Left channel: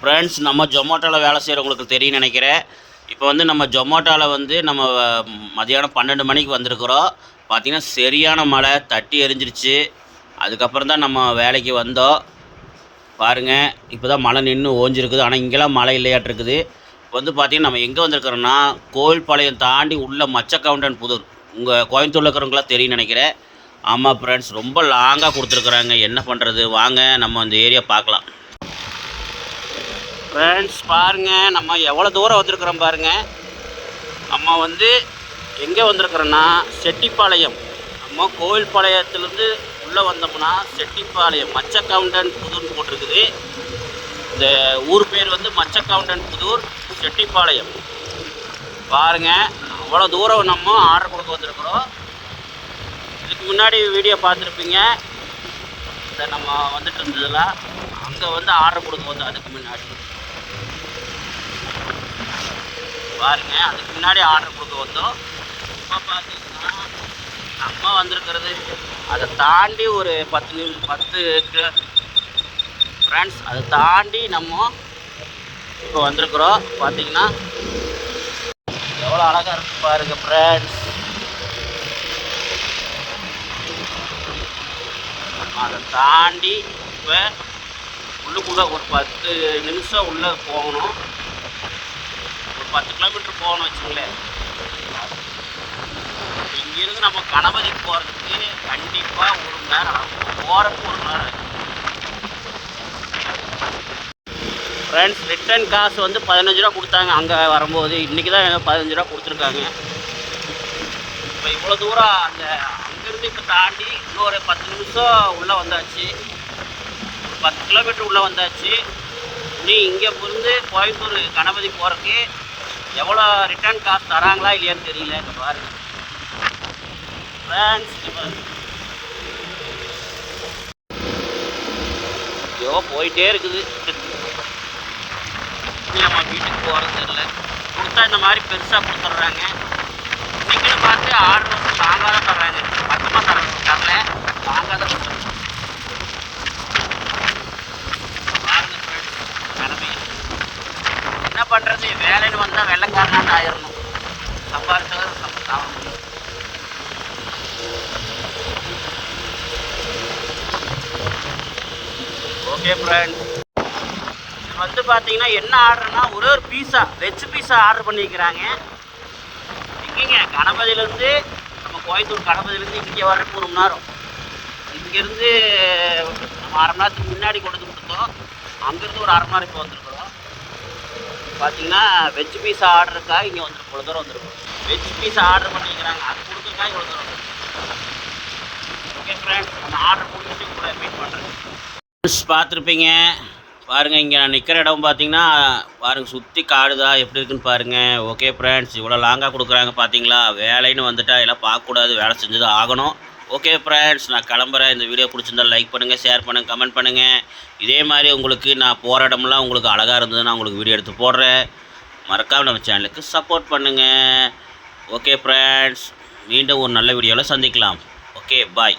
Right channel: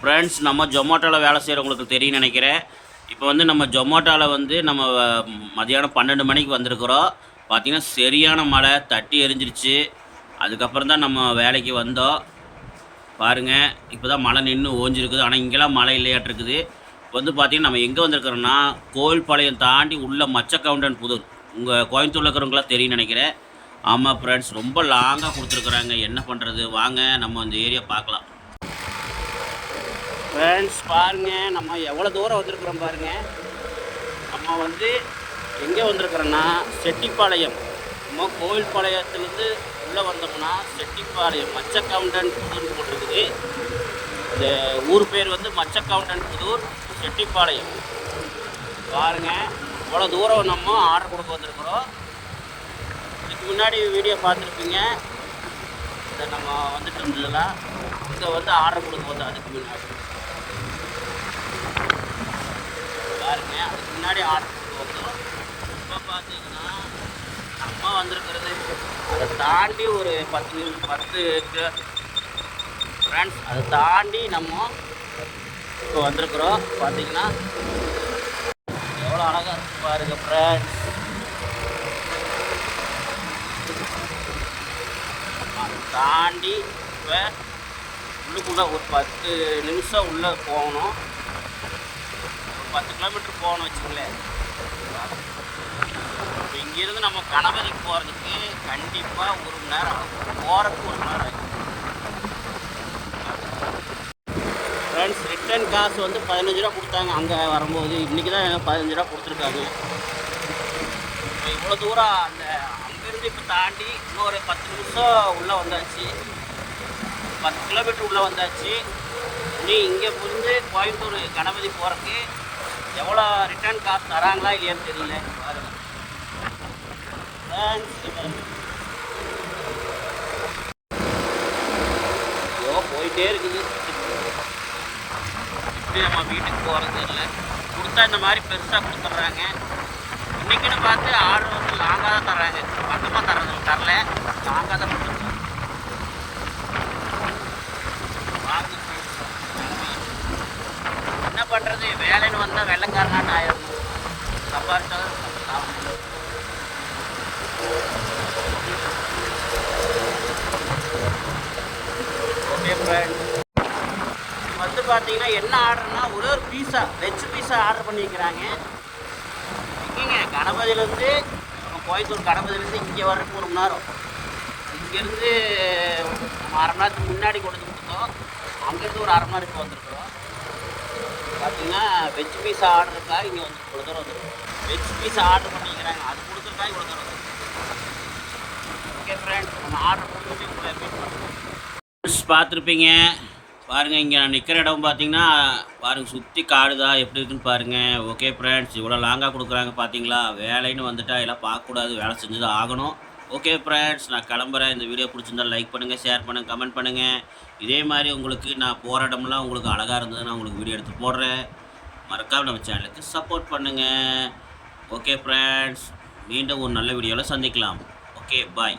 Friends, நம்ம ஜொமேட்டோவில் வேலை செய்கிறவங்களுக்கு தெரியும்னு நினைக்கிறேன். இப்போ வந்து நம்ம ஜொமேட்டோவில் வந்து நம்ம மதியானம் 12 மணிக்கு வந்திருக்கிறோம். பார்த்திங்கன்னா சரியான மழை தட்டி எரிஞ்சிருச்சு. அதுக்கப்புறம் தான் நம்ம வேலைக்கு வந்தோம். பாருங்கள், இப்போ தான் மழை நின்று ஓஞ்சிருக்குது. ஆனால் இங்கெல்லாம் மழை இல்லையாட்டிருக்குது. இப்போ வந்து பார்த்திங்கன்னா நம்ம எங்கே வந்திருக்கிறோன்னா, கோவில்பாளையம் தாண்டி உள்ள மச்சக்கவுண்டன் புதூர். உங்கள் கோயம்புத்தூரில் இருக்கிறவங்களாம் தெரியும்னு நினைக்கிறேன். ஆமாம் ஃப்ரெண்ட்ஸ், ரொம்ப லாங்காக கொடுத்துருக்குறாங்க. என்ன பண்ணுறது, வாங்க நம்ம அந்த ஏரியா பார்க்கலாம். ஃப்ரெண்ட்ஸ் பாருங்கள், நம்ம எவ்வளோ தூரம் வந்திருக்கிறோம் பாருங்கள். நம்ம வந்து எங்கே வந்திருக்கிறோன்னா செட்டிப்பாளையம். நம்ம கோவில்பாளையத்துலேருந்து உள்ளே வந்தோம்னா செட்டிப்பாளையம் மச்சக்கவுண்டன் புதூர்னு போட்டிருக்குது. இந்த ஊர் பேர் வந்து மச்சக்கவுண்டன் புதூர் செட்டிப்பாளையம். பாருங்கள், அவ்வளோ தூரம் நம்ம ஆர்டர் கொடுக்க வந்திருக்கிறோம். இதுக்கு முன்னாடி வீடியோ பார்த்துருப்பீங்க. இந்த நம்ம வந்துட்டு இருந்ததில் அங்கே வந்து ஆர்டர் கொடுக்க வந்தோம். அதுக்கு முன்னாடி பாருங்க, அதுக்கு முன்னாடி ஆர்டர் கொடுக்க வந்தோம். இப்போ பார்த்தீங்கன்னா நம்ம வந்திருக்கிறது அதை தாண்டி ஒரு 10 ஃப்ரெண்ட்ஸ், அதை தாண்டி நம்ம இப்போ வந்திருக்கிறோம். பார்த்தீங்கன்னா எவ்வளோ அழகாக இருக்குது பாருங்கள் ஃப்ரெண்ட்ஸ். நம்ம அதை தாண்டி இப்போ உள்ளுக்குள்ளே ஒரு 10 நிமிஷம் உள்ளே போகணும். 10 கிலோமீட்டர் போகணும் வச்சுங்களேன். இங்கேருந்து நம்ம கணபதிக்கு போகிறதுக்கு கண்டிப்பாக 1 மணி நேரம் ஆகும். போகிறதுக்கு 1 மணி நேரம் ஆகும். ஃப்ரெண்ட்ஸ், ரிட்டர்ன் காசு வந்து 15 ரூபா கொடுத்தாங்க அங்கே வரும்போது. இன்றைக்கி தான் 15 ரூபா கொடுத்துருக்காங்க. இப்போ இவ்வளோ தூரம் அந்த அங்கேருந்து இப்போ தாண்டி இன்னொரு 10 நிமிஷம் உள்ளே வந்தாச்சு. 10 கிலோமீட்டர் உள்ளே வந்தாச்சு. இனி இங்கே இருந்து கோயம்புத்தூர் கணபதி போகிறதுக்கு எவ்வளோ ரிட்டர்ன் காசு தராங்களா இல்லையான்னு தெரியல. இங்கே பாருங்கள் ஃப்ரெண்ட்ஸ், ஐயோ போயிட்டே இருக்குது. இப்படி நம்ம வீட்டுக்கு போகிறது தெரியல. கொடுத்தா இந்த மாதிரி பெருசாக கொடுத்துட்றாங்க. இன்றைக்கின்னு பார்த்து ஆர்டர் வந்து லாங்காக தான் தர்றாங்க. பக்கமாக தரல, லாங்காக தான் கொடுத்துட்றாங்க. வாங்க ஃப்ரெண்ட்ஸ், கிளம்பி என்ன பண்ணுறது, வேலைன்னு வந்தால் வெள்ளைக்காரனாட்டு ஆயிடணும். சம்பாதிச்சவர் ஆகணும். ஓகே ஃப்ரெண்ட்ஸ், இது வந்து பார்த்தீங்கன்னா என்ன ஆர்டர்னா ஒரே ஒரு பீஸா, வெஜ் பீஸா ஆர்டர் பண்ணிக்கிறாங்க. எங்கேங்க கணபதியிலேருந்து நம்ம கோயம்புத்தூர் கணபதியிலேருந்து இங்கே வர்றதுக்கு 1 மணி நேரம். இங்கேருந்து நம்ம 1/2 மணி நேரத்துக்கு முன்னாடி கொண்டு வந்து கொடுத்தோம். அங்கேருந்து ஒரு 1/2 மணி நேரம் இப்போ வந்திருக்கிறோம். பார்த்தீங்கன்னா வெஜ் பீஸா ஆர்டருக்காக இங்கே வந்துருக்கு. இவ்வளோ தூரம் வந்துருக்கும். வெஜ் பீஸா ஆர்டர் பண்ணிக்கிறாங்க. அது கொடுத்துருக்காக இவ்வளோ தூரம் வந்துருக்கு. ஓகே ஃப்ரெண்ட்ஸ், அந்த ஆர்டர் கொடுத்துட்டு உங்களை மீட் பண்ணுறேன். பார்த்துருப்பீங்க பாருங்கள். இங்கே நான் நிற்கிற இடம் பார்த்தீங்கன்னா பாருங்கள், சுற்றி காடுதா எப்படி இருக்குன்னு பாருங்கள். ஓகே ஃப்ரெண்ட்ஸ், இவ்வளோ லாங்காக கொடுக்குறாங்க பார்த்தீங்களா. வேலைன்னு வந்துட்டால் எல்லாம் பார்க்கக்கூடாது, வேலை செஞ்சு தான் ஆகணும். ஓகே ஃப்ரெண்ட்ஸ், நான் கிளம்புறேன். இந்த வீடியோ பிடிச்சிருந்தால் லைக் பண்ணுங்கள், ஷேர் பண்ணுங்கள், கமெண்ட் பண்ணுங்கள். இதே மாதிரி உங்களுக்கு நான் போகிற இடமெல்லாம் உங்களுக்கு அழகாக இருந்ததுன்னா உங்களுக்கு வீடியோ எடுத்து போடுறேன். மறக்காமல் நம்ம சேனலுக்கு சப்போர்ட் பண்ணுங்கள். ஓகே ஃப்ரெண்ட்ஸ், மீண்டும் ஒரு நல்ல வீடியோவில் சந்திக்கலாம். ஓகே, பாய்.